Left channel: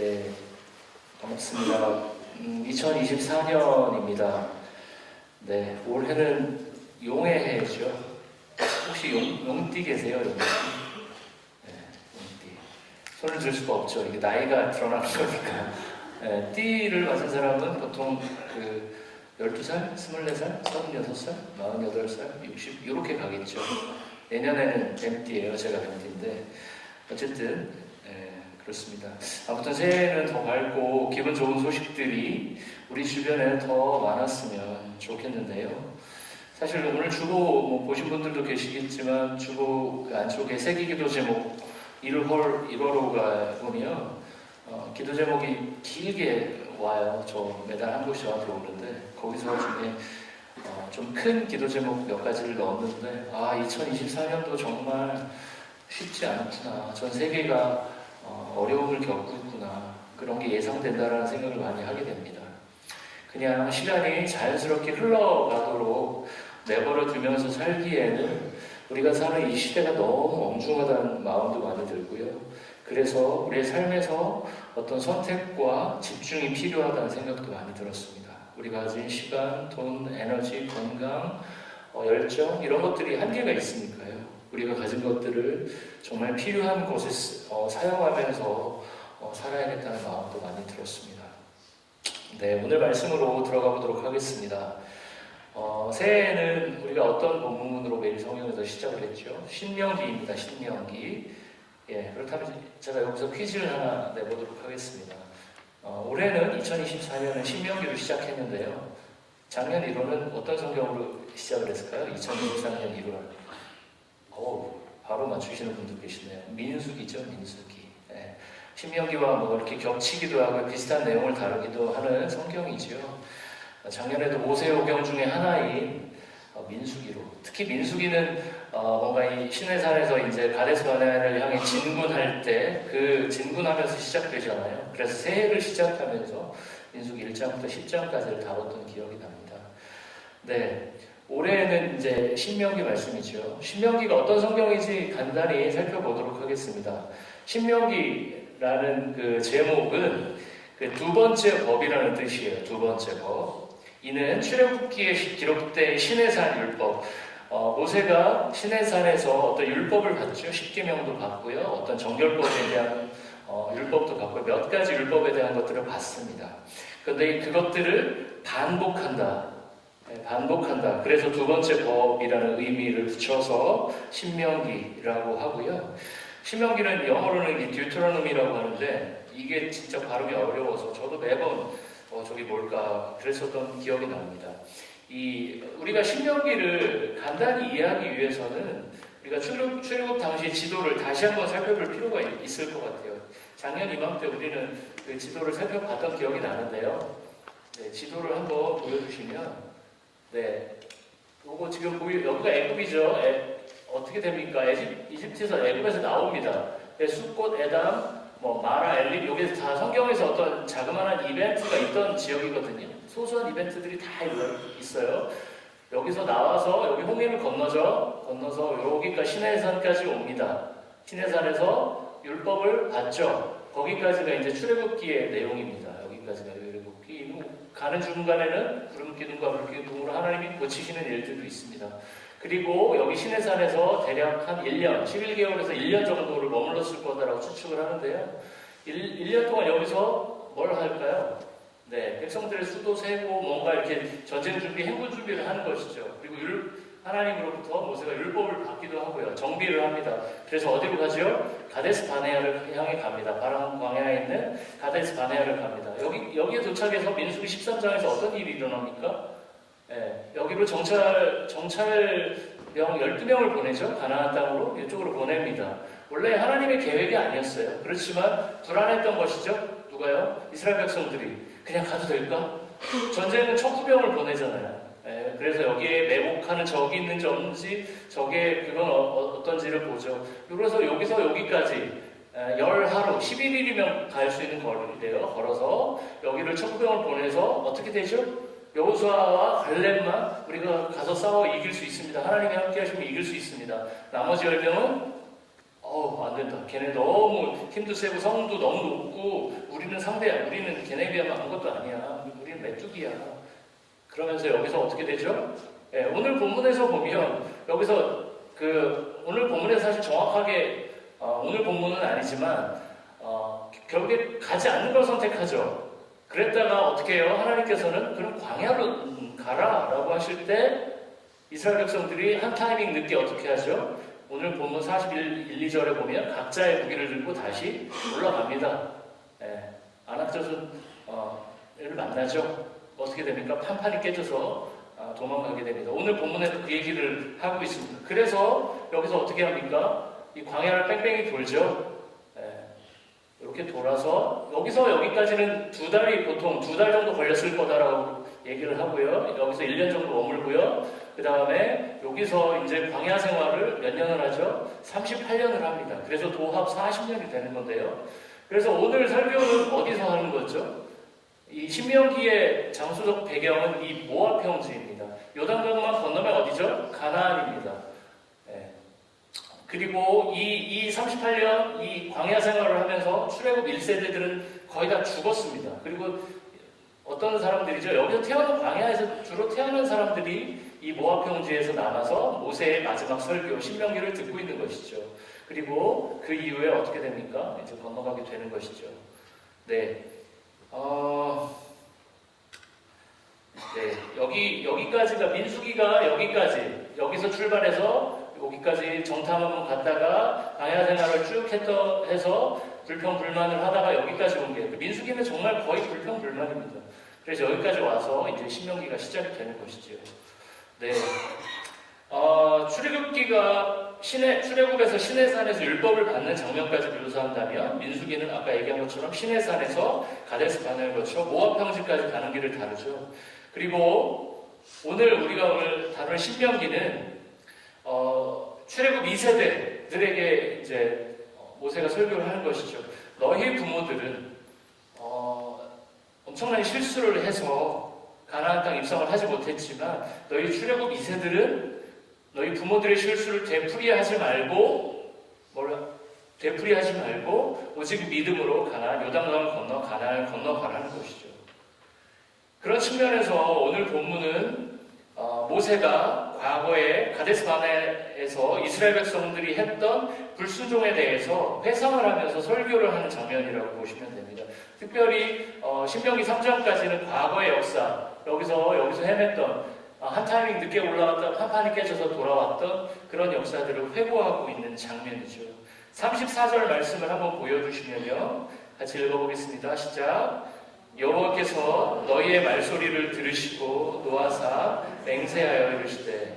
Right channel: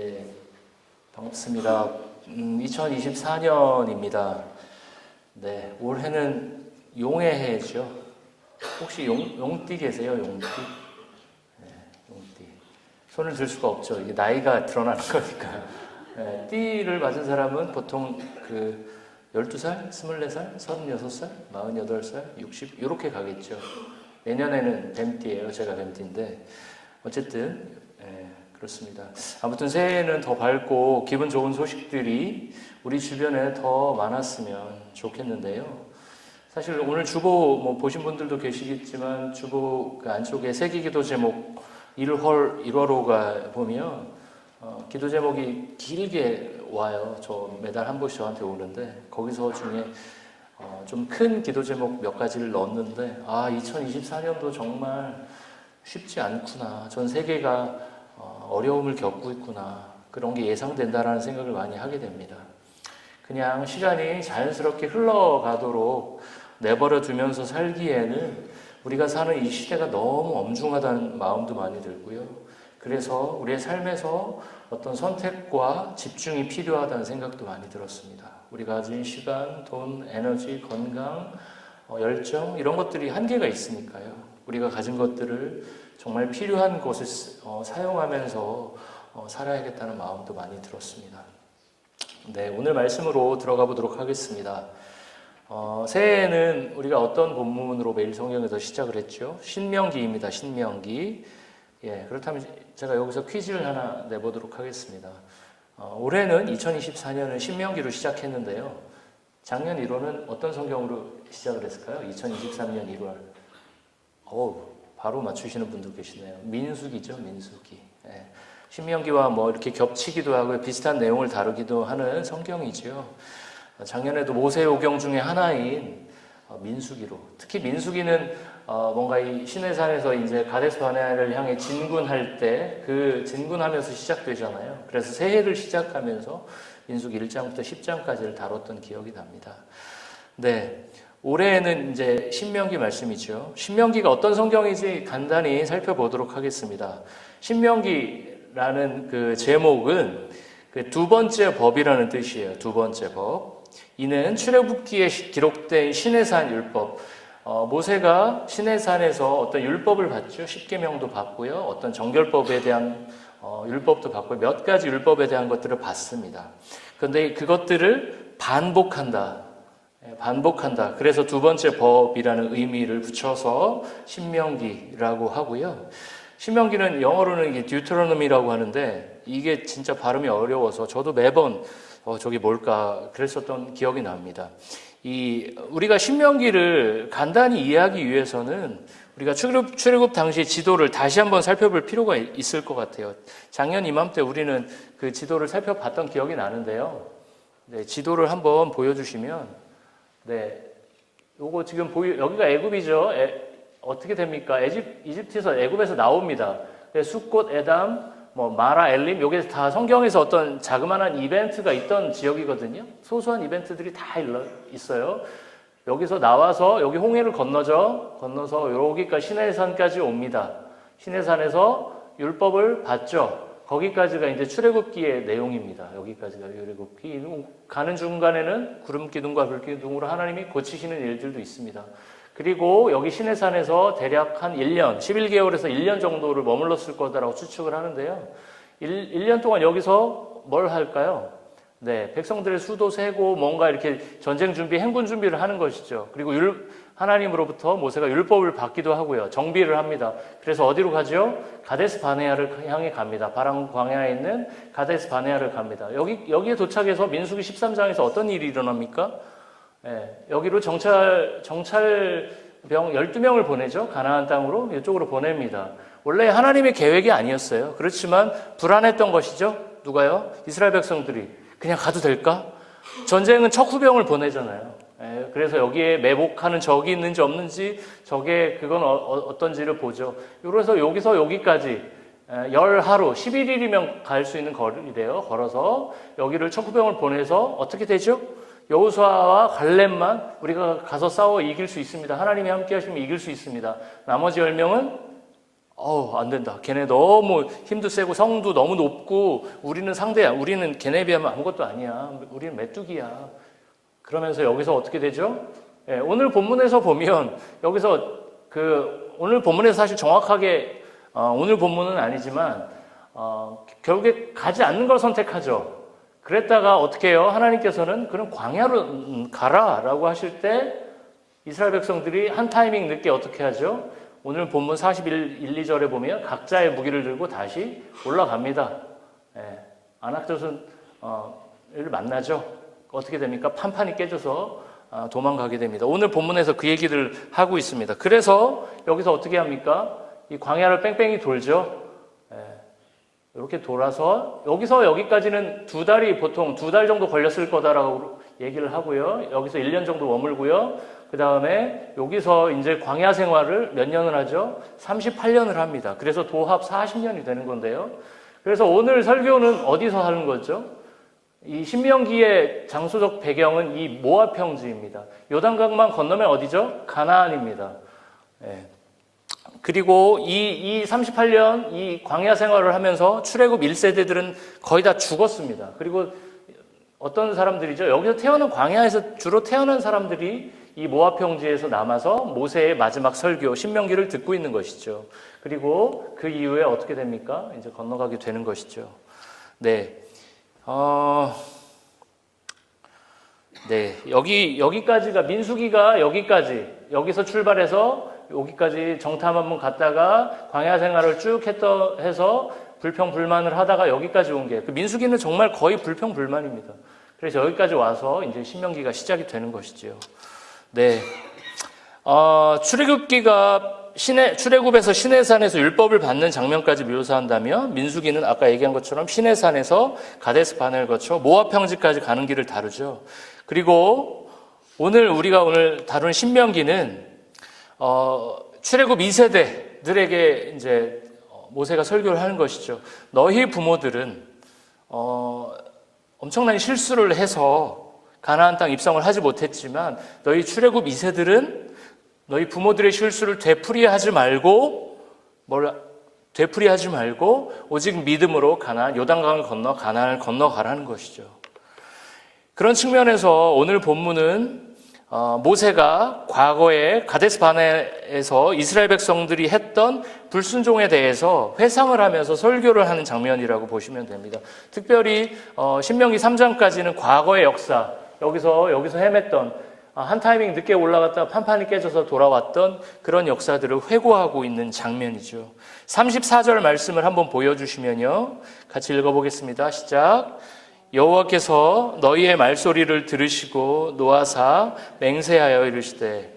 네, 반갑습니다. 2024년입니다. 네, 올해는 용의 해죠. 혹시 용띠 계세요? 용띠? 네, 용띠. 손을 들 수가 없죠. 이게 나이가 드러나는 거니까. 네, 띠를 맞은 사람은 보통 12살, 24살, 36살, 48살, 60 이렇게 가겠죠. 내년에는 뱀띠예요. 제가 뱀띠인데 어쨌든 그렇습니다. 아무튼 새해에는 더 밝고 기분 좋은 소식들이 우리 주변에 더 많았으면 좋겠는데요. 사실 오늘 주보 보신 분들도 계시겠지만 주보 그 안쪽에 새기기도 제목 1월 1호가 보면 기도 제목이 길게 와요. 저 매달 한 번씩 들어오는데 거기서 중에 좀 큰 기도 제목 몇 가지를 넣었는데 2024년도 정말 쉽지 않구나. 전 세계가 어려움을 겪고 있구나. 그런 게 예상된다라는 생각을 많이 하게 됩니다. 그냥 시간이 자연스럽게 흘러가도록 내버려 두면서 살기에는 우리가 사는 이 시대가 너무 엄중하다는 마음도 많이 들고요. 그래서 우리의 삶에서 어떤 선택과 집중이 필요하다는 생각도 많이 들었습니다. 우리가 가진 시간, 돈, 에너지, 건강, 열정 이런 것들이 한계가 있으니까요. 우리가 가진 것들을 정말 필요한 곳에 사용하면서 살아야겠다는 마음도 많이 들었습니다. 네, 오늘 말씀으로 들어가 보도록 하겠습니다. 새해에는 우리가 어떤 본문으로 매일 성경에서 시작을 했죠? 신명기입니다. 신명기. 예, 그렇다면 제가 여기서 퀴즈를 하나 내보도록 하겠습니다. 올해는 2024년은 신명기로 시작했는데요. 작년 1월은 어떤 성경으로 시작을 했을까요? 2024년 1월. 바로 맞추시는 분도 계시네. 민수기죠, 민수기. 네. 신명기와 이렇게 겹치기도 하고 비슷한 내용을 다루기도 하는 성경이죠. 작년에도 모세오경 중에 하나인 민수기로. 특히 민수기는 뭔가 이 시내산에서 이제 가데스 바네아를 향해 진군할 때 그 진군하면서 시작되잖아요. 그래서 새해를 시작하면서 민수기 1장부터 10장까지를 다뤘던 기억이 납니다. 네. 올해는 이제 신명기 말씀이죠. 신명기가 어떤 성경인지 간단히 살펴보도록 하겠습니다. 신명기라는 그 제목은 두 번째 법이라는 뜻이에요. 두 번째 법. 이는 출애굽기에 기록된 시내산 율법. 모세가 시내산에서 어떤 율법을 받죠. 십계명도 받고요. 어떤 정결법에 대한 율법도 받고 몇 가지 율법에 대한 것들을 받습니다. 그런데 그것들을 반복한다. 그래서 두 번째 법이라는 의미를 붙여서 신명기라고 하고요. 신명기는 영어로는 이게 듀테로노미라고 하는데 이게 진짜 발음이 어려워서 저도 매번 저게 뭘까 그랬었던 기억이 납니다. 우리가 신명기를 간단히 이해하기 위해서는 우리가 출애굽 당시 지도를 다시 한번 살펴볼 필요가 있을 것 같아요. 작년 이맘때 우리는 그 지도를 살펴봤던 기억이 나는데요. 네, 지도를 한번 보여주시면 네, 요거 지금 여기가 애굽이죠. 어떻게 됩니까? 이집트에서 애굽에서 나옵니다. 숫꽃, 에담, 마라, 엘림, 요게 다 성경에서 어떤 자그마한 이벤트가 있던 지역이거든요. 소소한 이벤트들이 다 있어요. 여기서 나와서 여기 홍해를 건너서 여기까지 시내산까지 옵니다. 시내산에서 율법을 받죠. 거기까지가 이제 출애굽기의 내용입니다. 여기까지가 출애굽기. 가는 중간에는 구름 기둥과 불 기둥으로 하나님이 고치시는 일들도 있습니다. 그리고 여기 시내산에서 대략 한 1년, 11개월에서 1년 정도를 머물렀을 거다라고 추측을 하는데요. 1년 동안 여기서 뭘 할까요? 네, 백성들의 수도 세고 뭔가 이렇게 전쟁 준비, 행군 준비를 하는 것이죠. 그리고 하나님으로부터 모세가 율법을 받기도 하고요. 정비를 합니다. 그래서 어디로 가죠? 가데스 바네아를 향해 갑니다. 바람 광야에 있는 가데스 바네아를 갑니다. 여기에 도착해서 민수기 13장에서 어떤 일이 일어납니까? 여기로 정찰병 12명을 보내죠. 가나안 땅으로 이쪽으로 보냅니다. 원래 하나님의 계획이 아니었어요. 그렇지만 불안했던 것이죠. 누가요? 이스라엘 백성들이 그냥 가도 될까? 전쟁은 척후병을 보내잖아요. 그래서 여기에 매복하는 적이 있는지 없는지 그건 어떤지를 보죠. 그래서 여기서 여기까지 10하루 11일이면 갈 수 있는 거리인데요. 걸어서 여기를 척후병을 보내서 어떻게 되죠? 여호수아와 갈렙만 우리가 가서 싸워 이길 수 있습니다. 하나님이 함께 하시면 이길 수 있습니다. 나머지 10명은 안 된다. 걔네 너무 힘도 세고 성도 너무 높고 우리는 상대야. 우리는 걔네에 비하면 아무것도 아니야. 우리는 메뚜기야. 그러면서 여기서 어떻게 되죠? 오늘 본문에서 보면 여기서 오늘 본문에서 사실 정확하게 오늘 본문은 아니지만 결국에 가지 않는 걸 선택하죠. 그랬다가 어떻게 해요? 하나님께서는 그럼 광야로 가라라고 하실 때 이스라엘 백성들이 한 타이밍 늦게 어떻게 하죠? 오늘 본문 41, 1, 2절에 보면 각자의 무기를 들고 다시 올라갑니다. 아낙젓은 를 만나죠. 어떻게 됩니까? 판판이 깨져서 도망가게 됩니다. 오늘 본문에서 그 얘기를 하고 있습니다. 그래서 여기서 어떻게 합니까? 이 광야를 뺑뺑이 돌죠. 이렇게 돌아서 여기서 여기까지는 보통 2달 정도 걸렸을 거다라고 얘기를 하고요. 여기서 1년 정도 머물고요. 그 다음에 여기서 이제 광야 생활을 몇 년을 하죠? 38년을 합니다. 그래서 도합 40년이 되는 건데요. 그래서 오늘 설교는 어디서 하는 거죠? 이 신명기의 장소적 배경은 이 모압 평지입니다. 요단강만 건너면 어디죠? 가나안입니다. 그리고 이 38년 이 광야 생활을 하면서 출애굽 1세대들은 거의 다 죽었습니다. 그리고 어떤 사람들이죠? 여기서 태어난 광야에서 주로 태어난 사람들이 이 모압 평지에서 남아서 모세의 마지막 설교 신명기를 듣고 있는 것이죠. 그리고 그 이후에 어떻게 됩니까? 이제 건너가게 되는 것이죠. 여기까지가 민수기가 여기서 출발해서 여기까지 정탐 한번 갔다가 광야 생활을 쭉 해서 불평불만을 하다가 여기까지 온 게 민수기는 정말 거의 불평불만입니다. 그래서 여기까지 와서 이제 신명기가 시작이 되는 것이죠. 출애굽에서 시내산에서 율법을 받는 장면까지 묘사한다면 민수기는 아까 얘기한 것처럼 시내산에서 가데스 바네를 거쳐 모압 평지까지 가는 길을 다루죠. 그리고 우리가 오늘 다룬 신명기는 출애굽 2세대들에게 이제 모세가 설교를 하는 것이죠. 너희 부모들은 엄청난 실수를 해서 가나안 땅 입성을 하지 못했지만 너희 출애굽 2세들은 너희 부모들의 실수를 되풀이하지 말고 오직 믿음으로 요단강을 건너 가나안을 건너가라는 것이죠. 그런 측면에서 오늘 본문은 모세가 과거에 가데스 바네에서 이스라엘 백성들이 했던 불순종에 대해서 회상을 하면서 설교를 하는 장면이라고 보시면 됩니다. 특별히 신명기 3장까지는 과거의 역사, 여기서 헤맸던 한 타이밍 늦게 올라갔다가 판판이 깨져서 돌아왔던 그런 역사들을 회고하고 있는 장면이죠. 34절 말씀을 한번 보여주시면요. 같이 읽어보겠습니다. 시작. 여호와께서 너희의 말소리를 들으시고 노하사 맹세하여 이르시되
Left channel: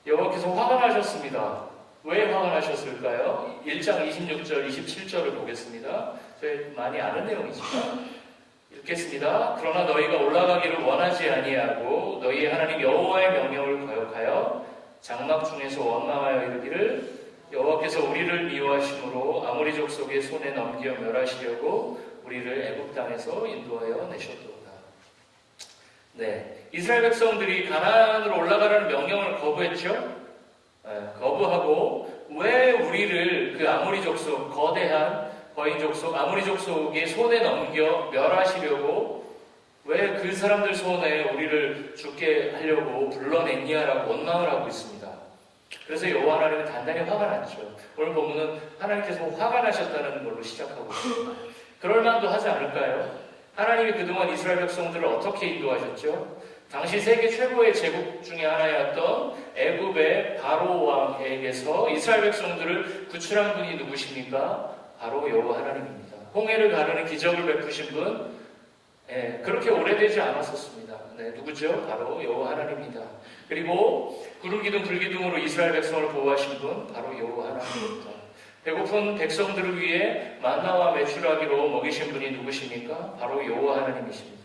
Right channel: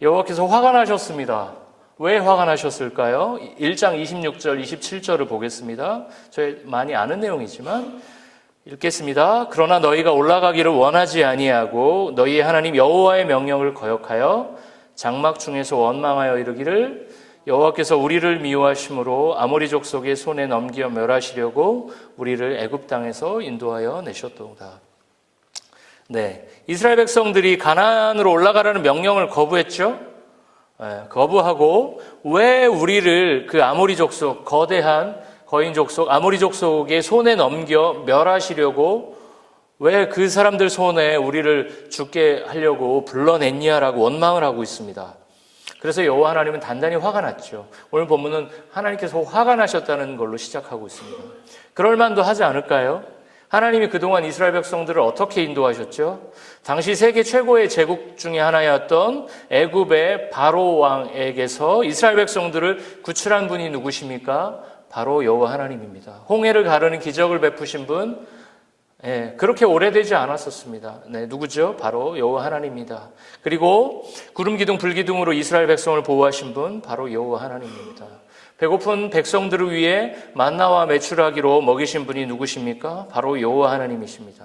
여호와께서 화가 나셨습니다. 왜 화가 나셨을까요? 1장 26절, 27절을 보겠습니다. 저희 많이 아는 내용이지만 읽겠습니다. 그러나 너희가 올라가기를 원하지 아니하고 너희의 하나님 여호와의 명령을 거역하여 장막 중에서 원망하여 이르기를 여호와께서 우리를 미워하심으로 아모리 족속의 손에 넘겨 멸하시려고 우리를 애굽 땅에서 인도하여 내셨도다. 이스라엘 백성들이 가나안으로 올라가려는 명령을 거부했죠. 거부하고 왜 우리를 그 아모리 족속, 거대한 거인 족속, 아모리 족속의 손에 넘겨 멸하시려고 왜 그 사람들 손에 우리를 죽게 하려고 불러냈냐라고 원망을 하고 있습니다. 그래서 여호와 하나님은 단단히 화가 났죠. 오늘 본문은 하나님께서 화가 나셨다는 걸로 시작하고 있습니다. 그럴 만도 하지 않을까요? 하나님이 그동안 이스라엘 백성들을 어떻게 인도하셨죠? 당시 세계 최고의 제국 중에 하나였던 애굽의 바로 왕에게서 이스라엘 백성들을 구출한 분이 누구십니까? 바로 여호와 하나님입니다. 홍해를 가르는 기적을 베푸신 분, 그렇게 오래되지 않았었습니다. 누구죠? 바로 여호와 하나님입니다. 그리고 구름 기둥 불 기둥으로 이스라엘 백성을 보호하신 분, 바로 여호와 하나님입니다. 배고픈 백성들을 위해 만나와 메추라기로 먹이신 분이 누구십니까? 바로 여호와 하나님이십니다.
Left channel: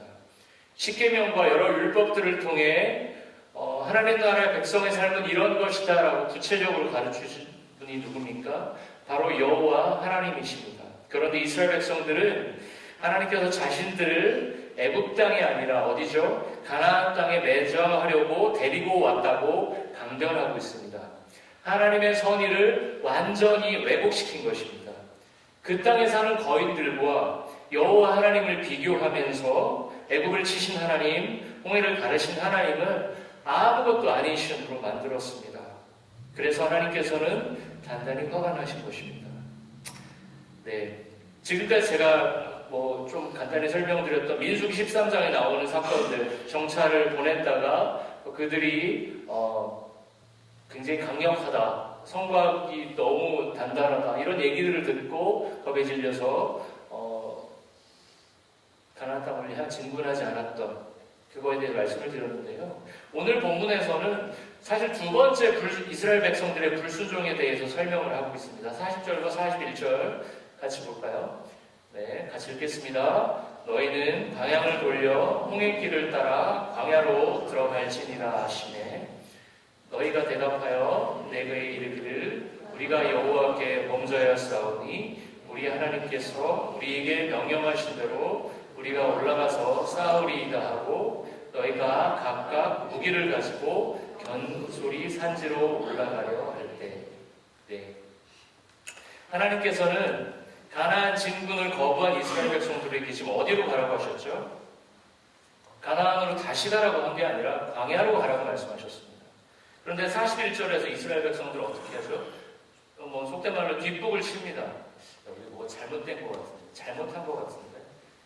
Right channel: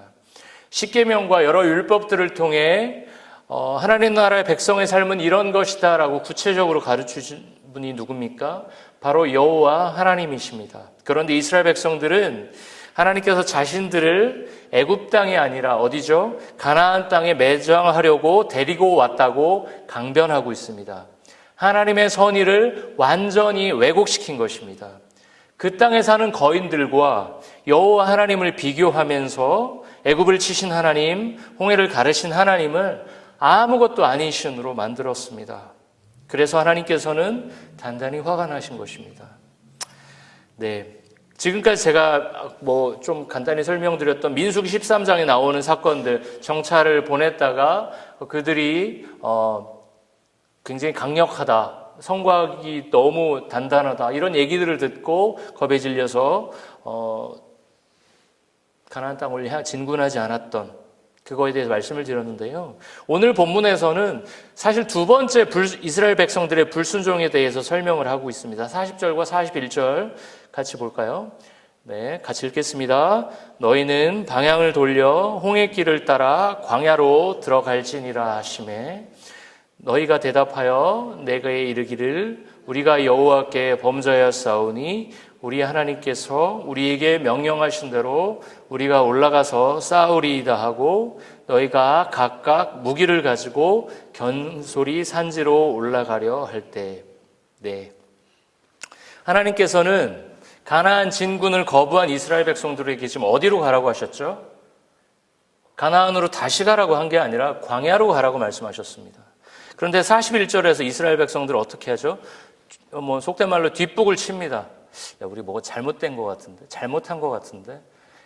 십계명과 여러 율법들을 통해 하나님 나라의 백성의 삶은 이런 것이다 라고 구체적으로 가르치신 분이 누굽니까? 바로 여호와 하나님이십니다. 그런데 이스라엘 백성들은 하나님께서 자신들을 애굽 땅이 아니라 어디죠? 가나안 땅에 매장하려고 데리고 왔다고 강변하고 있습니다. 하나님의 선의를 완전히 왜곡시킨 것입니다. 그 땅에 사는 거인들과 여호와 하나님을 비교하면서 애굽을 치신 하나님, 홍해를 가르신 하나님을 아무것도 아닌 신으로 만들었습니다. 그래서 하나님께서는 단단히 화가 나신 것입니다. 네, 지금까지 제가 좀 간단히 설명드렸던 민수기 13장에 나오는 사건들, 정찰을 보냈다가 그들이 굉장히 강력하다, 성곽이 너무 단단하다, 이런 얘기들을 듣고 겁에 질려서 가나안 땅을 진군하지 않았던 그거에 대해서 말씀을 드렸는데요. 오늘 본문에서는 사실 두 번째 이스라엘 백성들의 불순종에 대해서 설명을 하고 있습니다. 40절과 41절 같이 볼까요? 네, 같이 읽겠습니다. 너희는 방향을 돌려 홍해길을 따라 광야로 들어갈지니라 하시매 너희가 대답하여 내게 이르기를 우리가 여호와께 범죄하였사오니 우리 하나님께서 우리에게 명령하신 대로 우리가 올라가서 싸우리이다 하고 너희가 각각 무기를 가지고 견소리 산지로 올라가려 할 때, 네, 하나님께서는 가나안 진군을 거부한 이스라엘 백성들에게 지금 어디로 가라고 하셨죠? 가나안으로 다시 가라고 한 게 아니라 광야로 가라고 말씀하셨습니다. 그런데 41절에서 이스라엘 백성들은 어떻게 하죠? 속된 말로 뒷북을 칩니다. 야, 우리 뭐가 잘못된 것 같은데, 잘못한 것 같은데.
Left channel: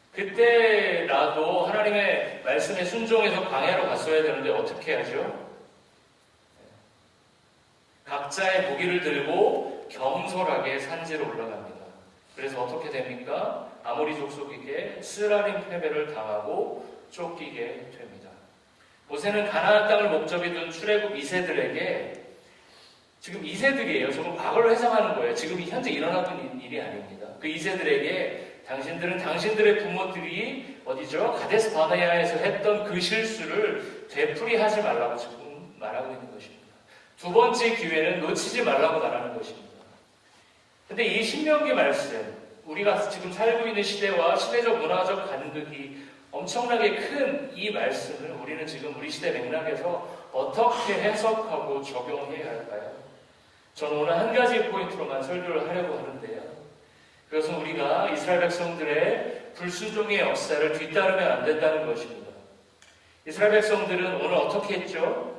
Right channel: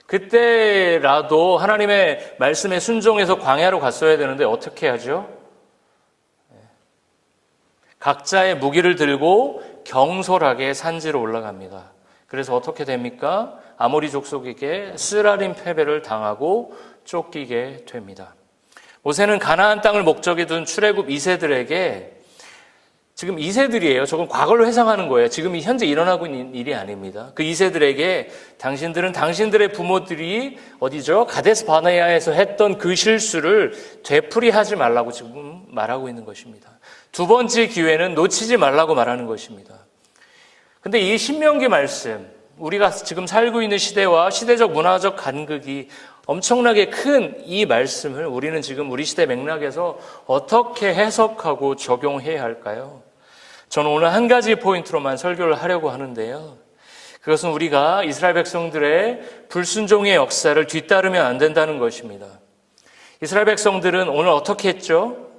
그때라도 하나님의 말씀에 순종해서 광야로 갔어야 되는데 어떻게 하죠? 각자의 무기를 들고 경솔하게 산지로 올라갑니다. 그래서 어떻게 됩니까? 아모리 족속에게 쓰라림 패배를 당하고 쫓기게 됩니다. 모세는 가나안 땅을 목적에 둔 출애굽 2세들에게 지금 2세들이에요. 저건 과거를 회상하는 거예요. 지금 현재 일어나고 있는 일이 아닙니다. 그 2세들에게 당신들은 당신들의 부모들이 어디죠? 가데스 바네아에서 했던 그 실수를 되풀이하지 말라고 지금 말하고 있는 것입니다. 두 번째 기회는 놓치지 말라고 말하는 것입니다. 근데 이 신명기 말씀, 우리가 지금 살고 있는 시대와 시대적 문화적 간극이 엄청나게 큰 이 말씀을 우리는 지금 우리 시대 맥락에서 어떻게 해석하고 적용해야 할까요? 저는 오늘 한 가지 포인트로만 설교를 하려고 하는데요. 그것은 우리가 이스라엘 백성들의 불순종의 역사를 뒤따르면 안 된다는 것입니다. 이스라엘 백성들은 오늘 어떻게 했죠?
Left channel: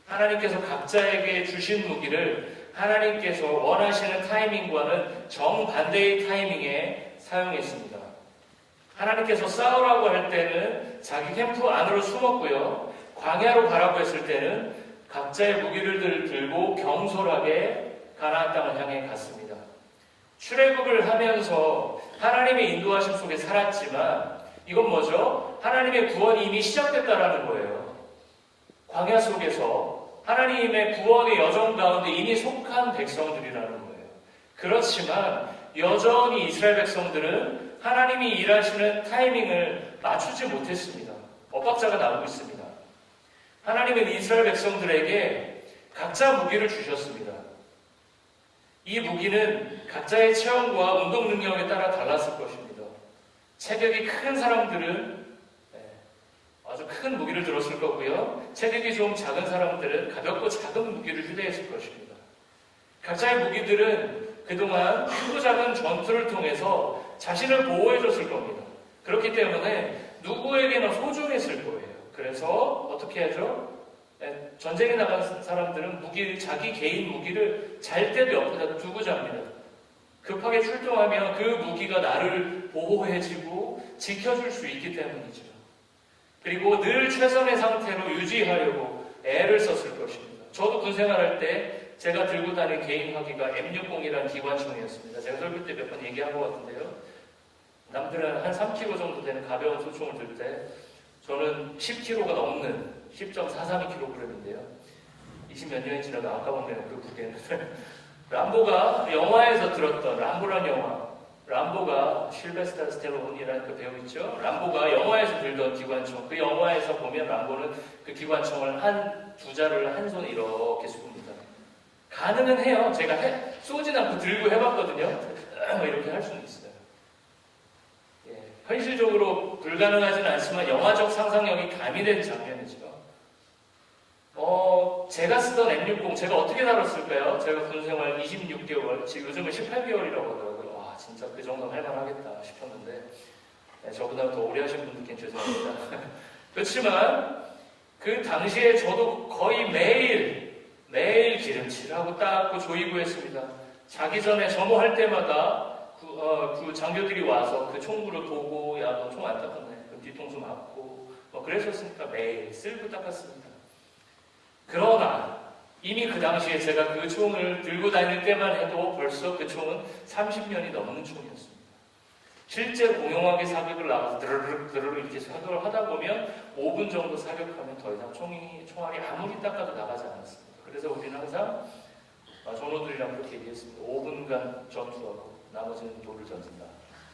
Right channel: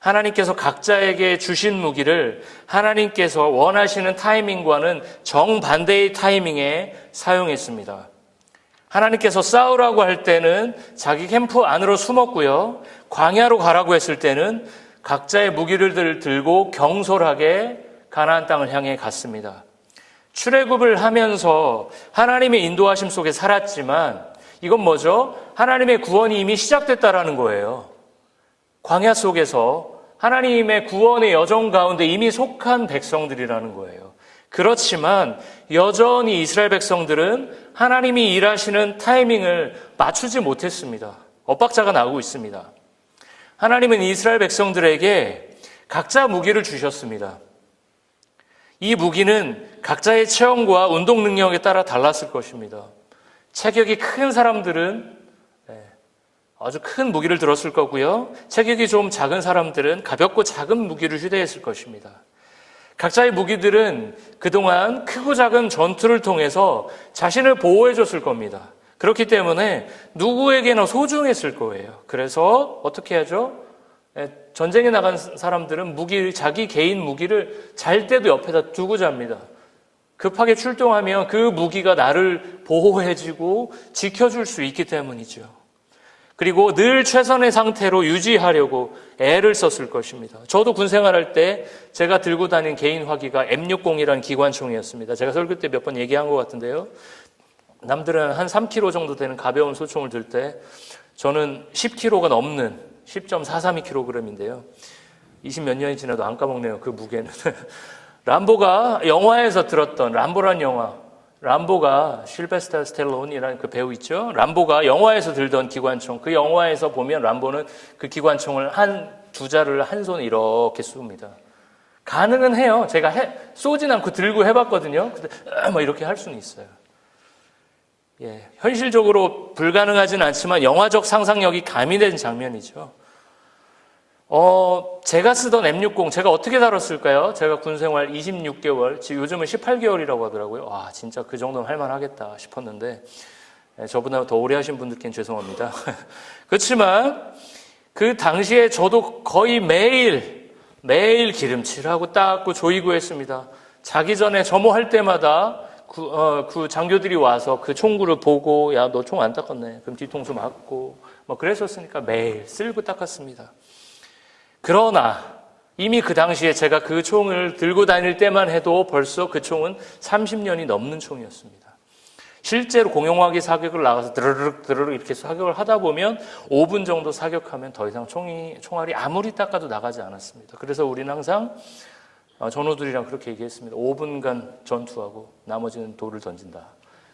하나님께서 각자에게 주신 무기를 하나님께서 원하시는 타이밍과는 정반대의 타이밍에 사용했습니다. 하나님께서 싸우라고 할 때는 자기 캠프 안으로 숨었고요. 광야로 가라고 했을 때는 각자의 무기를 들고 경솔하게 가나안 땅을 향해 갔습니다. 출애굽을 하면서 하나님의 인도하심 속에 살았지만 이건 뭐죠? 하나님의 구원이 이미 시작됐다라는 거예요. 광야 속에서 하나님의 구원의 여정 가운데 이미 속한 백성들이라는 거예요. 그렇지만 여전히 이스라엘 백성들은 하나님이 일하시는 타이밍을 맞추지 못했습니다. 엇박자가 나고 있습니다. 하나님은 이스라엘 백성들에게 각자 무기를 주셨습니다. 이 무기는 각자의 체형과 운동 능력에 따라 달랐을 것입니다. 체격이 큰 사람들은 아주 큰 무기를 들었을 거고요. 체격이 좀 작은 사람들은 가볍고 작은 무기를 휴대했을 것입니다. 각자의 무기들은 그동안 크고 작은 전투를 통해서 자신을 보호해 줬을 겁니다. 그렇기 때문에 누구에게나 소중했을 거예요. 그래서 어떻게 하죠? 전쟁에 나간 사람들은 자기 개인 무기를 잘 때도 옆에다 두고 잡니다. 급하게 출동하면 그 무기가 나를 보호해주고 지켜줄 수 있기 때문이죠. 그리고 늘 최선의 상태로 유지하려고 애를 썼을 것입니다. 저도 군 생활할 때 제가 들고 다닌 개인 화기가 M60이라는 기관총이었습니다. 제가 설교 때 몇 번 얘기한 것 같은데요. 남들은 한 3kg 정도 되는 가벼운 소총을 들 때 저는 10kg가 넘는 10.432kg인데요. 20몇 년이 지나도 안 까먹네요. 그 무게는. 람보가 영화에서 들었던 람보란 영화. 람보가 실베스터 스텔론이라는 그 배우 있죠. 람보가 영화에서 들던 기관총. 그 영화에서 보면 람보는 그 기관총을 두 자루를 한 손에 이렇게 쏩니다. 가능은 해요. 제가 쏘진 않고 들고 해봤거든요. 뭐 이렇게 할 수는 있어요. 현실적으로 불가능하진 않지만 영화적 상상력이 가미된 장면이죠. 제가 쓰던 M60, 제가 어떻게 다뤘을까요? 제가 군생활 26개월, 지금 요즘은 18개월이라고 하더라고요. 와, 진짜 그 정도는 할만하겠다 싶었는데, 저보다 더 오래 하신 분들께는 죄송합니다. 그렇지만, 그 당시에 저도 거의 매일 기름칠하고 닦고 조이고 했습니다. 자기 전에 점호할 때마다 그 장교들이 와서 그 총구를 보고, 야, 너 총 안 닦았네. 그럼 뒤통수 맞고, 뭐 그랬었으니까 매일 쓸고 닦았습니다. 그러나 이미 그 당시에 제가 그 총을 들고 다닐 때만 해도 벌써 그 총은 30년이 넘는 총이었습니다. 실제로 공용화기 사격을 나가서 드르륵 이렇게 사격을 하다 보면 5분 정도 사격하면 더 이상 총알이 아무리 닦아도 나가지 않았습니다. 그래서 우리는 항상 전우들이랑 그렇게 얘기했습니다. 5분간 전투하고 나머지는 돌을 던진다.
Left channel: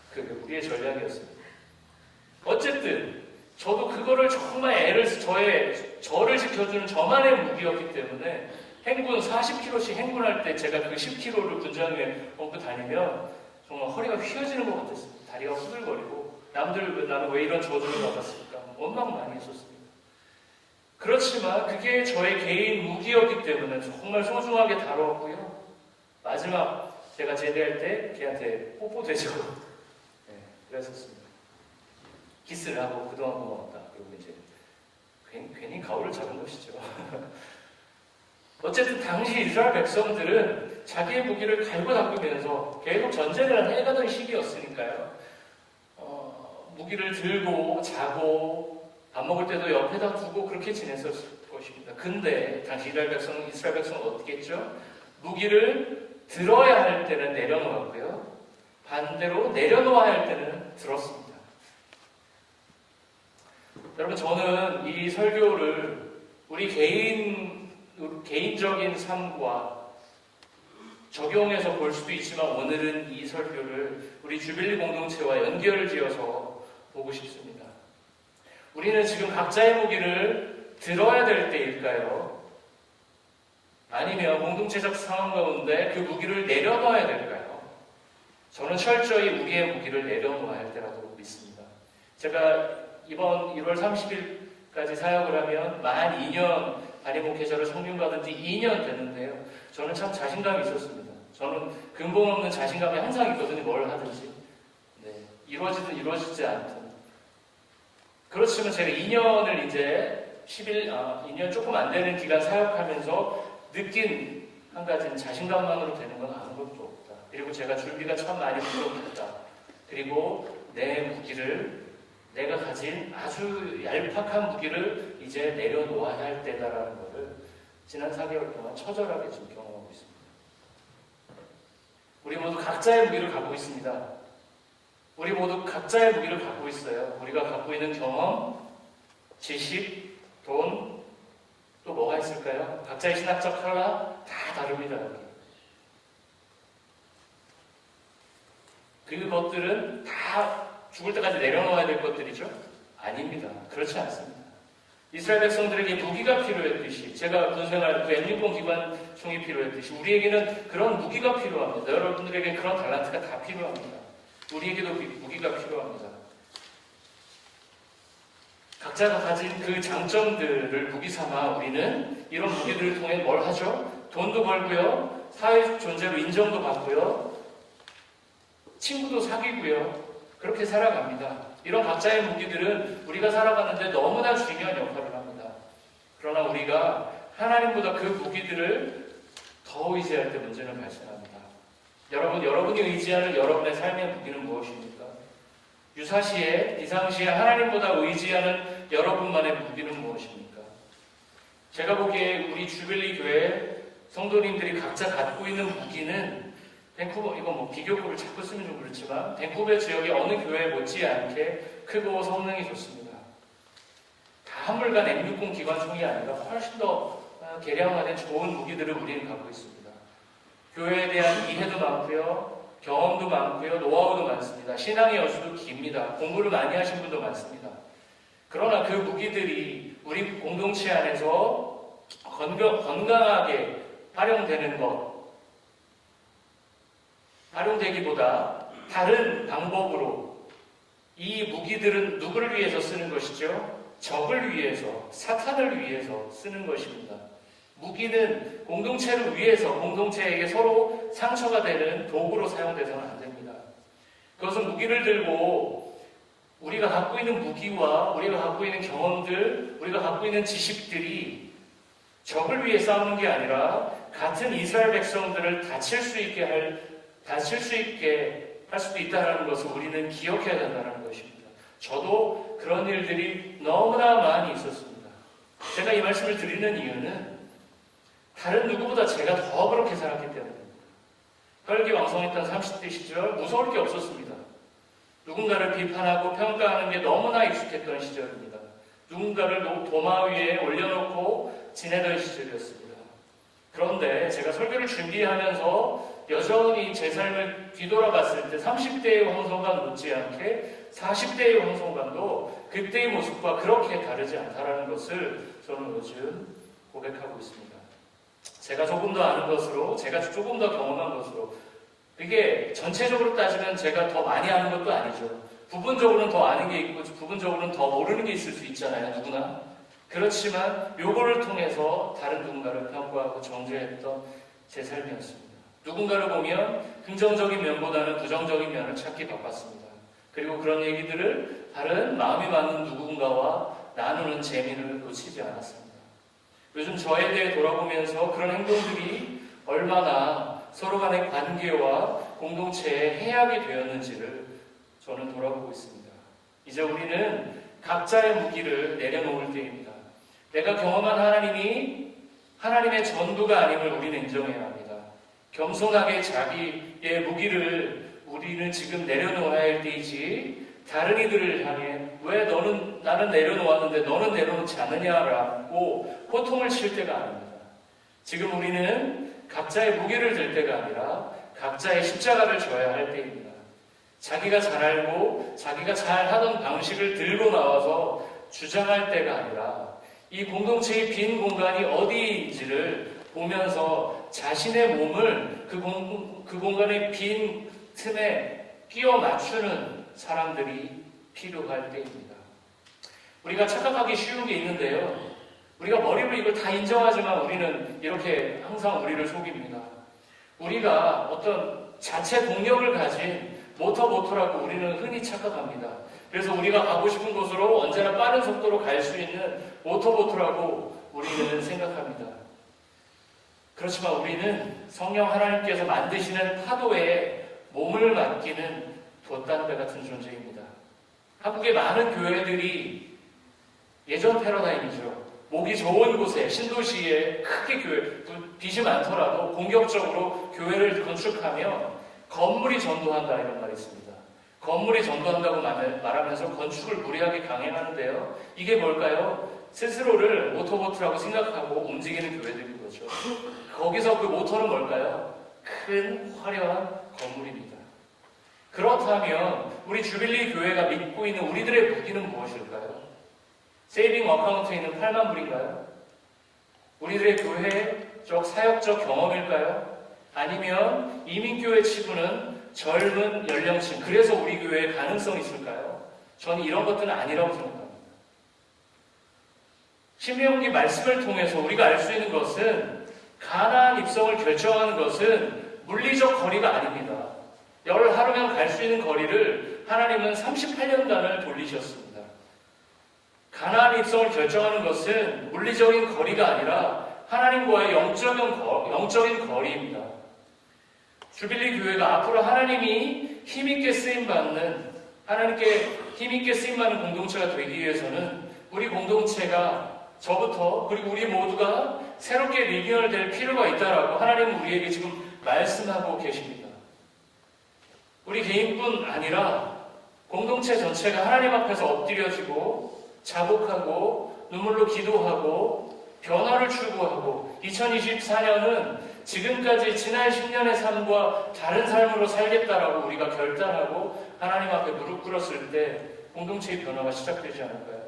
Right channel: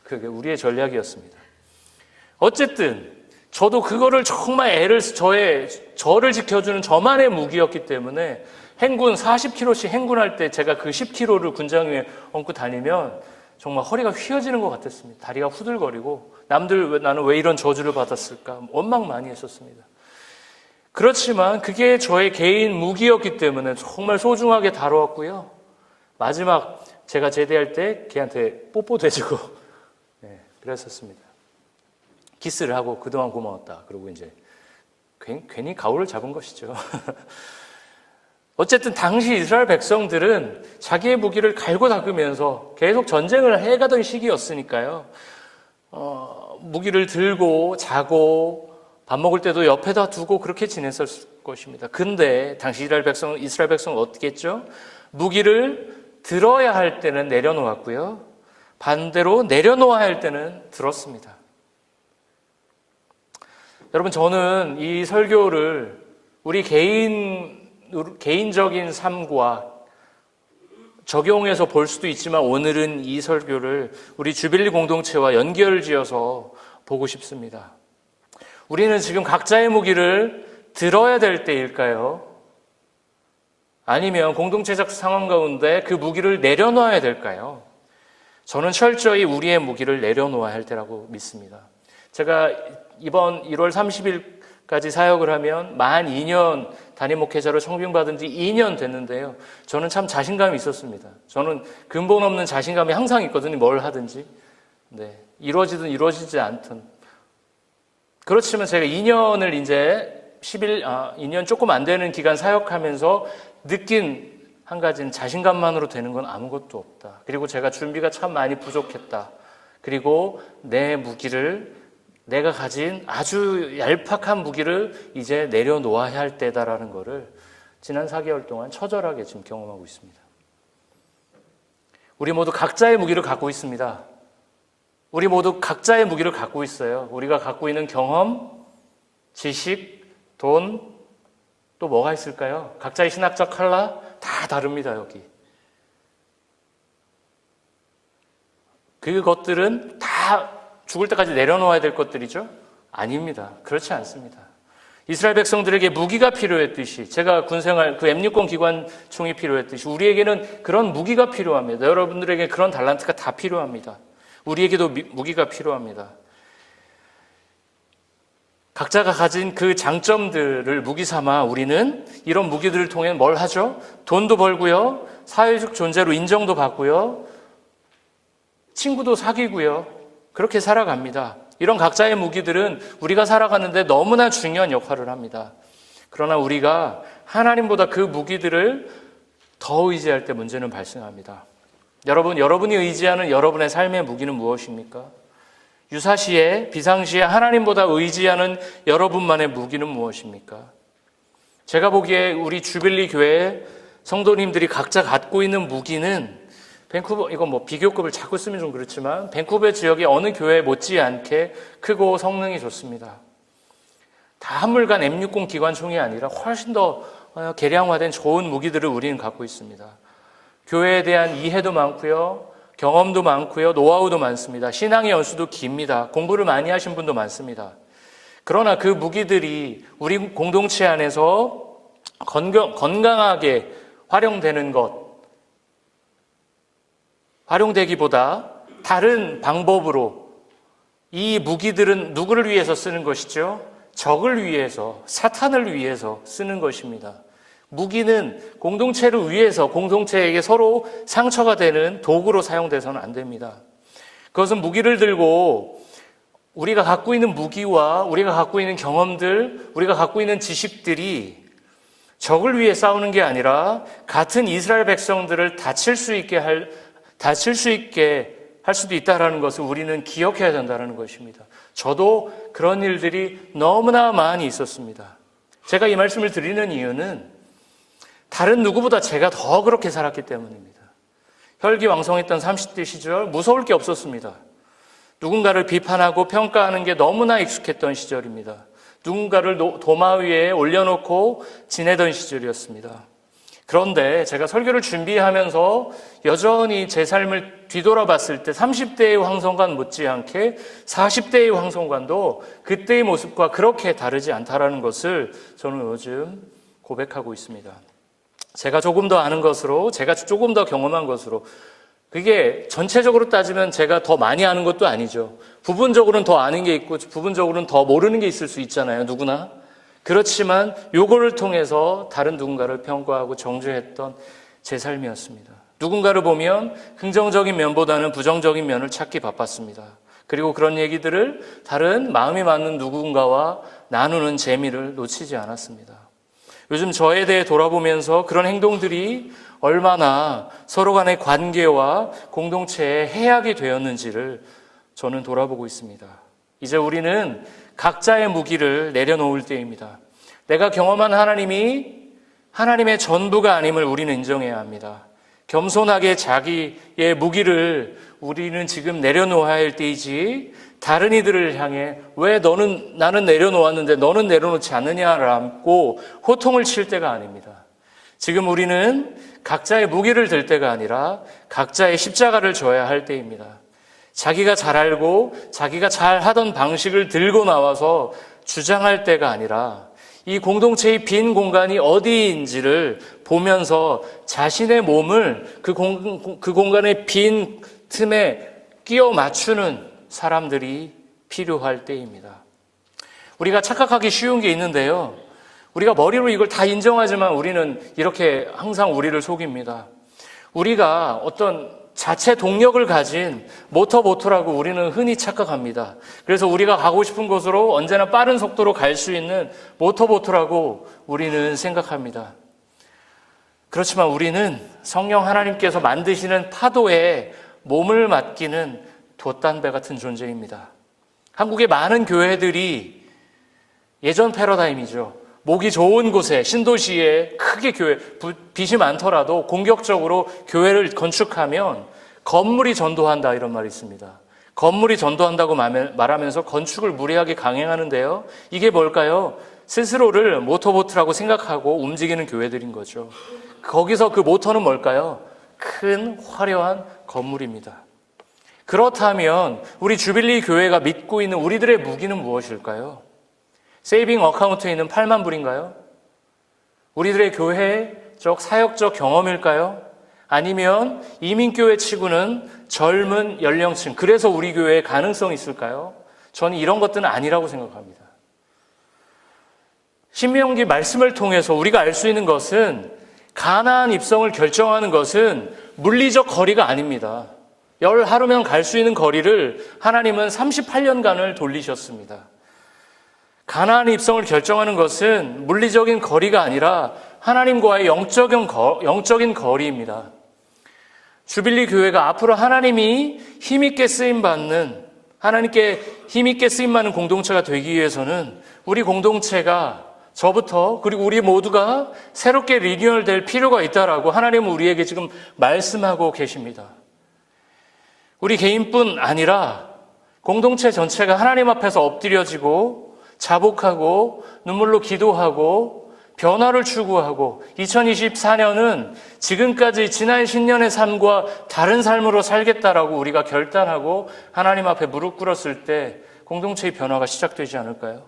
그게 우리의 전략이었습니다. 어쨌든 저도 그거를 정말 저를 지켜주는 저만의 무기였기 때문에 행군 40km씩 행군할 때 제가 그 10km를 군장에 얹고 다니면 정말 허리가 휘어지는 것 같았습니다. 다리가 후들거리고 나는 왜 이런 저주를 받았을까 원망 많이 했었습니다. 그렇지만 그게 저의 개인 무기였기 때문에 정말 소중하게 다루었고요. 마지막 제가 제대할 때 걔한테 뽀뽀도 해주고 그랬었습니다. 키스를 하고 그동안 고마웠다. 그리고 이제 괜히 가오를 잡은 것이죠. 어쨌든 당시 이스라엘 백성들은 자기의 무기를 갈고 닦으면서 계속 전쟁을 해가던 시기였으니까요. 무기를 들고 자고 밥 먹을 때도 옆에다 두고 그렇게 지냈을 것입니다. 근데 당시 이스라엘 백성은 어떻게 했죠? 무기를 들어야 할 때는 내려놓았고요. 반대로 내려놓아야 할 때는 들었습니다. 여러분, 저는 이 설교를 우리 개인적인 삶과 적용해서 볼 수도 있지만 오늘은 이 설교를 우리 주빌리 공동체와 연결지어서 보고 싶습니다. 우리는 지금 각자의 무기를 들어야 될 때일까요? 아니면 공동체적 상황 가운데 그 무기를 내려놓아야 될까요? 저는 철저히 우리의 무기를 내려놓아야 할 때라고 믿습니다. 제가 이번 1월 30일까지 사역을 하면 만 2년 담임 목회자로 청빙받은 지 2년 됐는데요. 저는 참 자신감이 있었습니다. 저는 근본 없는 자신감이 항상 있거든요. 뭘 하든지. 이루어지든 이루어지지 않든. 그렇지만 제가 2년을 이제 2년 조금 안 되는 기간 사역하면서 느낀 한 가지는 자신감만으로 되는 건 아무것도 없다. 그리고 제가 준비가 참 많이 부족했다. 그리고 내가 가진 아주 얄팍한 무기를 이제 내려놓아야 할 때다라는 것을 지난 4개월 동안 처절하게 지금 경험하고 있습니다. 우리 모두 각자의 무기를 갖고 있습니다. 우리 모두 각자의 무기를 갖고 있어요. 우리가 갖고 있는 경험, 지식, 돈, 또 뭐가 있을까요? 각자의 신학적 칼라 다 다릅니다, 여기. 그것들은 다 죽을 때까지 내려놓아야 될 것들이죠? 아닙니다. 그렇지 않습니다. 이스라엘 백성들에게 무기가 필요했듯이, 제가 군생활, 그 M60 기관총이 필요했듯이 우리에게는 그런 무기가 필요합니다. 여러분들에게 그런 달란트가 다 필요합니다. 우리에게도 무기가 필요합니다. 각자가 가진 그 장점들을 무기 삼아 우리는 이런 무기들을 통해 뭘 하죠? 돈도 벌고요, 사회적 존재로 인정도 받고요, 친구도 사귀고요, 그렇게 살아갑니다. 이런 각자의 무기들은 우리가 살아가는데 너무나 중요한 역할을 합니다. 그러나 우리가 하나님보다 그 무기들을 더 의지할 때 문제는 발생합니다. 여러분이 의지하는 여러분의 삶의 무기는 무엇입니까? 유사시에, 비상시에 하나님보다 의지하는 여러분만의 무기는 무엇입니까? 제가 보기에 우리 주빌리 교회 성도님들이 각자 갖고 있는 무기는 밴쿠버, 이거 뭐 비교급을 자꾸 쓰면 좀 그렇지만 밴쿠버 지역의 어느 교회 못지않게 크고 성능이 좋습니다. 다 한물간 M60 기관총이 아니라 훨씬 더 개량화된 좋은 무기들을 우리는 갖고 있습니다. 교회에 대한 이해도 많고요, 경험도 많고요, 노하우도 많습니다. 신앙의 연수도 깁니다. 공부를 많이 하신 분도 많습니다. 그러나 그 무기들이 우리 공동체 안에서 건강하게 활용되기보다 다른 방법으로 이 무기들은 누구를 위해서 쓰는 것이죠? 적을 위해서, 사탄을 위해서 쓰는 것입니다. 무기는 공동체를 위해서, 공동체에게 서로 상처가 되는 도구로 사용돼서는 안 됩니다. 그것은 무기를 들고 우리가 갖고 있는 무기와 우리가 갖고 있는 경험들, 우리가 갖고 있는 지식들이 적을 위해 싸우는 게 아니라 같은 이스라엘 백성들을 다칠 수 있게 할 수도 있다는 것을 우리는 기억해야 된다는 것입니다. 저도 그런 일들이 너무나 많이 있었습니다. 제가 이 말씀을 드리는 이유는 다른 누구보다 제가 더 그렇게 살았기 때문입니다. 혈기왕성했던 30대 시절 무서울 게 없었습니다. 누군가를 비판하고 평가하는 게 너무나 익숙했던 시절입니다. 누군가를 도마 위에 올려놓고 지내던 시절이었습니다. 그런데 제가 설교를 준비하면서 여전히 제 삶을 뒤돌아봤을 때 30대의 황성관 못지않게 40대의 황성관도 그때의 모습과 그렇게 다르지 않다라는 것을 저는 요즘 고백하고 있습니다. 제가 조금 더 아는 것으로, 제가 조금 더 경험한 것으로, 그게 전체적으로 따지면 제가 더 많이 아는 것도 아니죠. 부분적으로는 더 아는 게 있고 부분적으로는 더 모르는 게 있을 수 있잖아요, 누구나. 그렇지만 요거를 통해서 다른 누군가를 평가하고 정죄했던 제 삶이었습니다. 누군가를 보면 긍정적인 면보다는 부정적인 면을 찾기 바빴습니다. 그리고 그런 얘기들을 다른 마음이 맞는 누군가와 나누는 재미를 놓치지 않았습니다. 요즘 저에 대해 돌아보면서 그런 행동들이 얼마나 서로 간의 관계와 공동체에 해악이 되었는지를 저는 돌아보고 있습니다. 이제 우리는 각자의 무기를 내려놓을 때입니다. 내가 경험한 하나님이 하나님의 전부가 아님을 우리는 인정해야 합니다. 겸손하게 자기의 무기를 우리는 지금 내려놓아야 할 때이지, 다른 이들을 향해 왜 나는 내려놓았는데 너는 내려놓지 않느냐라고 호통을 칠 때가 아닙니다. 지금 우리는 각자의 무기를 들 때가 아니라 각자의 십자가를 져야 할 때입니다. 자기가 잘 알고 자기가 잘 하던 방식을 들고 나와서 주장할 때가 아니라 이 공동체의 빈 공간이 어디인지를 보면서 자신의 몸을 그 공간의 빈 틈에 끼워 맞추는 사람들이 필요할 때입니다. 우리가 착각하기 쉬운 게 있는데요. 우리가 머리로 이걸 다 인정하지만 우리는 이렇게 항상 우리를 속입니다. 우리가 어떤 자체 동력을 가진 모터라고 우리는 흔히 착각합니다. 그래서 우리가 가고 싶은 곳으로 언제나 빠른 속도로 갈 수 있는 모터라고 우리는 생각합니다. 그렇지만 우리는 성령 하나님께서 만드시는 파도에 몸을 맡기는 돛단배 같은 존재입니다. 한국의 많은 교회들이 예전 패러다임이죠. 목이 좋은 곳에, 신도시에 크게 빚이 많더라도 공격적으로 교회를 건축하면 건물이 전도한다, 이런 말이 있습니다. 건물이 전도한다고 말하면서 건축을 무리하게 강행하는데요. 이게 뭘까요? 스스로를 모터보트라고 생각하고 움직이는 교회들인 거죠. 거기서 그 모터는 뭘까요? 큰 화려한 건물입니다. 그렇다면 우리 주빌리 교회가 믿고 있는 우리들의 무기는 무엇일까요? 세이빙 어카운트에 있는 8만 불인가요? 우리들의 교회적 사역적 경험일까요? 아니면 이민교회 치고는 젊은 연령층, 그래서 우리 교회에 가능성이 있을까요? 저는 이런 것들은 아니라고 생각합니다. 신명기 말씀을 통해서 우리가 알 수 있는 것은 가나안 입성을 결정하는 것은 물리적 거리가 아닙니다. 열 하루면 갈 수 있는 거리를 하나님은 38년간을 돌리셨습니다. 가나안 입성을 결정하는 것은 물리적인 거리가 아니라 하나님과의 영적인 거리입니다. 주빌리 교회가 앞으로 하나님이 힘있게 쓰임받는, 하나님께 힘있게 쓰임받는 공동체가 되기 위해서는 우리 공동체가, 저부터 그리고 우리 모두가 새롭게 리뉴얼 될 필요가 있다라고 하나님은 우리에게 지금 말씀하고 계십니다. 우리 개인뿐 아니라 공동체 전체가 하나님 앞에서 엎드려지고 자복하고 눈물로 기도하고 변화를 추구하고 2024년은 지금까지 지난 10년의 삶과 다른 삶으로 살겠다라고 우리가 결단하고 하나님 앞에 무릎 꿇었을 때 공동체의 변화가 시작되지 않을까요?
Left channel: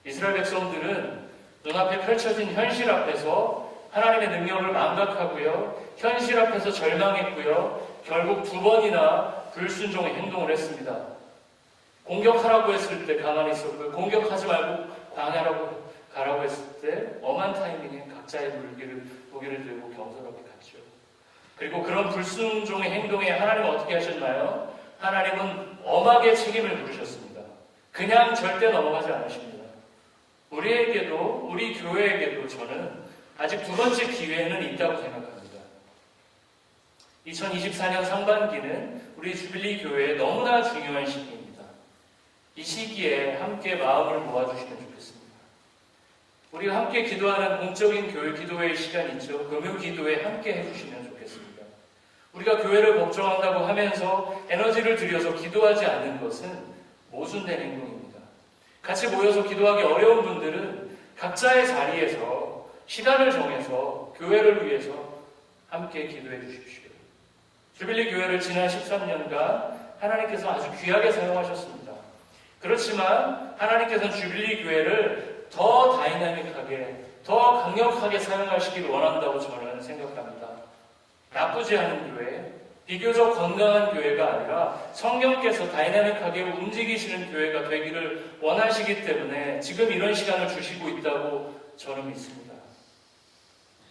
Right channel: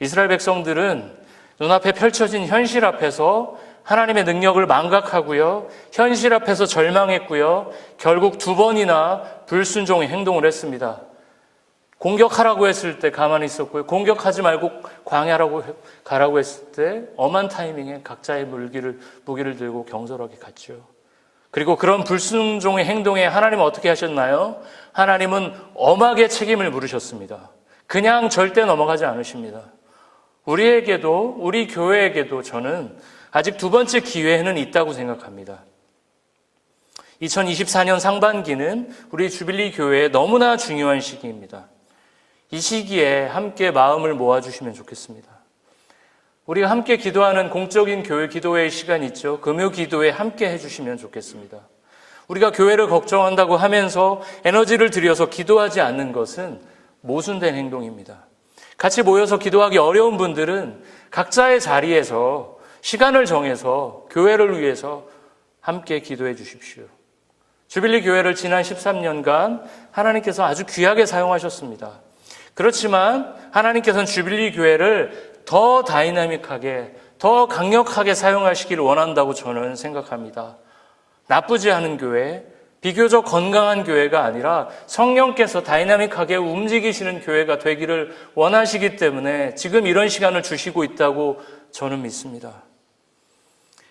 이스라엘 백성들은 눈앞에 펼쳐진 현실 앞에서 하나님의 능력을 망각하고요, 현실 앞에서 절망했고요, 결국 2번이나 불순종의 행동을 했습니다. 공격하라고 했을 때 가만히 있었고요. 공격하지 말고 광야라고 가라고 했을 때 엄한 타이밍에 각자의 무기를 들고 경솔하게 갔죠. 그리고 그런 불순종의 행동에 하나님은 어떻게 하셨나요? 하나님은 엄하게 책임을 물으셨습니다. 그냥 절대 넘어가지 않으십니다. 우리에게도, 우리 교회에게도 저는 아직 두 번째 기회는 있다고 생각합니다. 2024년 상반기는 우리 주빌리 교회에 너무나 중요한 시기입니다. 이 시기에 함께 마음을 모아주시면 좋겠습니다. 우리가 함께 기도하는 공적인 교회 기도회의 시간이 있죠. 금요 기도에 함께 해주시면 좋겠습니다. 우리가 교회를 걱정한다고 하면서 에너지를 들여서 기도하지 않는 것은 모순된 행동입니다. 같이 모여서 기도하기 어려운 분들은 각자의 자리에서 시간을 정해서 교회를 위해서 함께 기도해 주십시오. 주빌리 교회를 지난 13년간 하나님께서 아주 귀하게 사용하셨습니다. 그렇지만 하나님께서는 주빌리 교회를 더 다이나믹하게, 더 강력하게 사용하시기를 원한다고 저는 생각합니다. 나쁘지 않은 교회, 비교적 건강한 교회가 아니라 성령께서 다이나믹하게 움직이시는 교회가 되기를 원하시기 때문에 지금 이런 시간을 주시고 있다고 저는 믿습니다.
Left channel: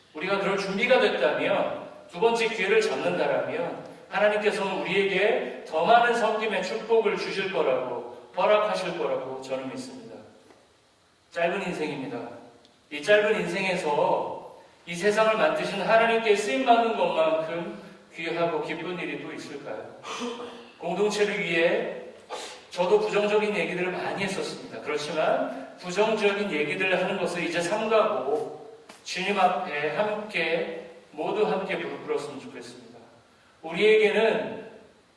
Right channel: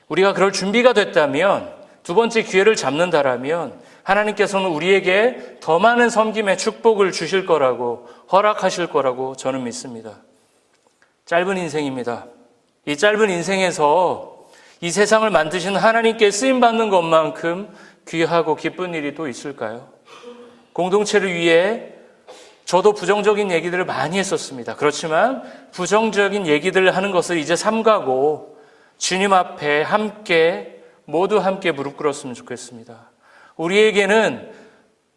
우리가 그럴 준비가 됐다면, 두 번째 기회를 잡는다라면 하나님께서는 우리에게 더 많은 섬김의 축복을 주실 거라고, 허락하실 거라고 저는 믿습니다. 짧은 인생입니다. 이 짧은 인생에서 이 세상을 만드신 하나님께 쓰임받는 것만큼 귀하고 기쁜 일이 또 있을까요? 공동체를 위해 저도 부정적인 얘기들을 많이 했었습니다. 그렇지만 부정적인 얘기들을 하는 것을 이제 삼가고 주님 앞에 함께, 모두 함께 무릎 꿇었으면 좋겠습니다. 우리에게는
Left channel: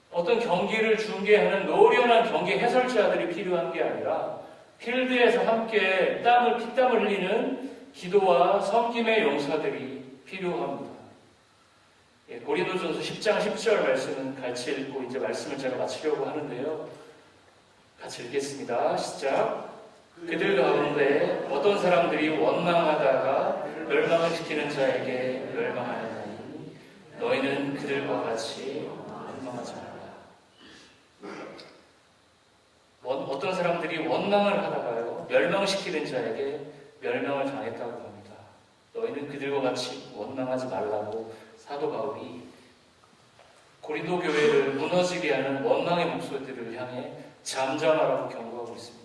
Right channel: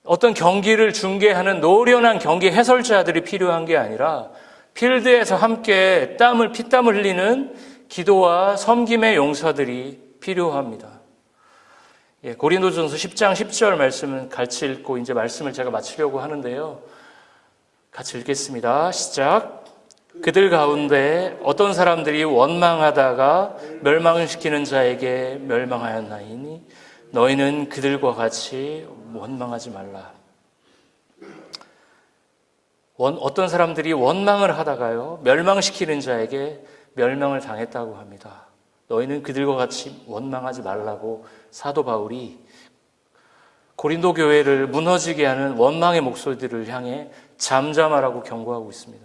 어떤 경기를 중계하는 노련한 경기 해설자들이 필요한 게 아니라 필드에서 함께 피땀을 흘리는 기도와 섬김의 용사들이 필요합니다. 고린도전서 10장 10절 말씀은 같이 읽고 이제 말씀을 제가 마치려고 하는데요. 같이 읽겠습니다. 시작. 그들 가운데 어떤 사람들이 원망하다가 멸망을 시키는 자에게 멸망하였나이니 너희는 그들과 같이 원망하지 말라. 어떤 사람들이 원망을 하다가요, 멸망시키는 자에게 멸망을 당했다고 합니다. 너희는 그들과 같이 원망하지 말라고 사도 바울이 고린도 교회를 무너지게 하는 원망의 목소리들을 향해 잠잠하라고 경고하고 있습니다.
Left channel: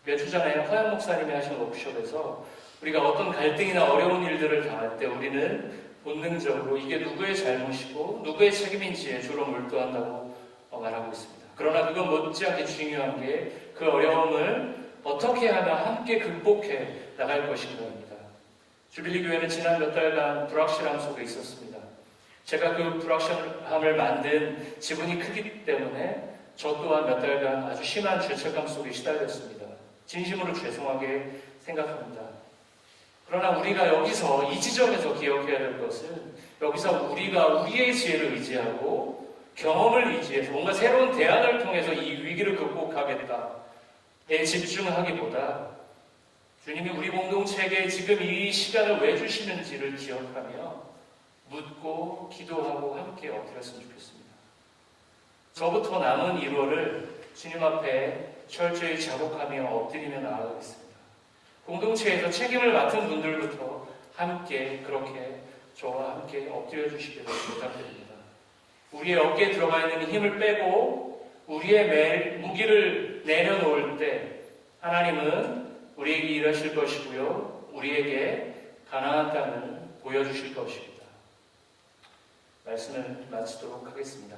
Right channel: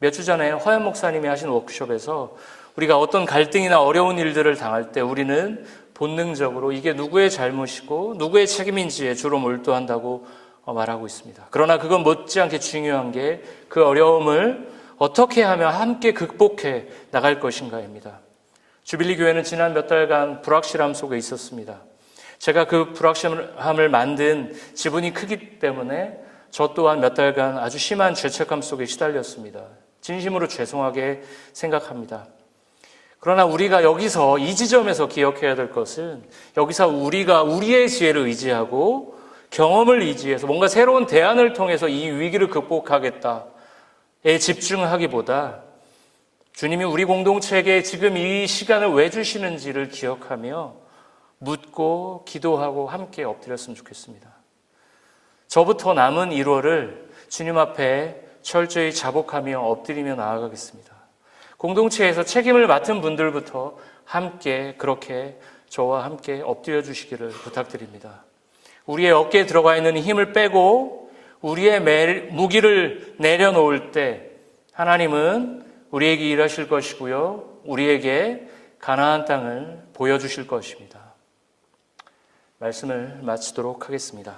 몇 주 전에 허연 목사님이 하신 워크숍에서 우리가 어떤 갈등이나 어려운 일들을 당할 때 우리는 본능적으로 이게 누구의 잘못이고 누구의 책임인지에 주로 몰두한다고 말하고 있습니다. 그러나 그건 못지않게 중요한 게 그 어려움을 어떻게 하면 함께 극복해 나갈 것인가입니다. 주빌리 교회는 지난 몇 달간 불확실함 속에 있었습니다. 제가 그 불확실함을 만든 지분이 크기 때문에 저 또한 몇 달간 아주 심한 죄책감 속에 시달렸습니다. 진심으로 죄송하게 생각합니다. 그러나 우리가 여기서 이 지점에서 기억해야 될 것은 여기서 우리가 우리의 지혜를 의지하고 경험을 의지해서 뭔가 새로운 대안을 통해서 이 위기를 극복하겠다에 집중하기보다 주님이 우리 공동체에게 지금 이 시간을 왜 주시는지를 기억하며 묻고 기도하고 함께 엎드렸으면 좋겠습니다. 저부터 남은 1월을 주님 앞에 철저히 자복하며 엎드리며 나아가겠습니다. 공동체에서 책임을 맡은 분들부터 함께 그렇게 저와 함께 엎드려 주시기를 부탁드립니다. 우리의 어깨에 들어가 있는 힘을 빼고 우리의 무기를 내려놓을 때 하나님은 우리에게 일하실 것이고요. 우리에게 가나안 땅을 보여주실 것입니다. 말씀을 마치도록 하겠습니다.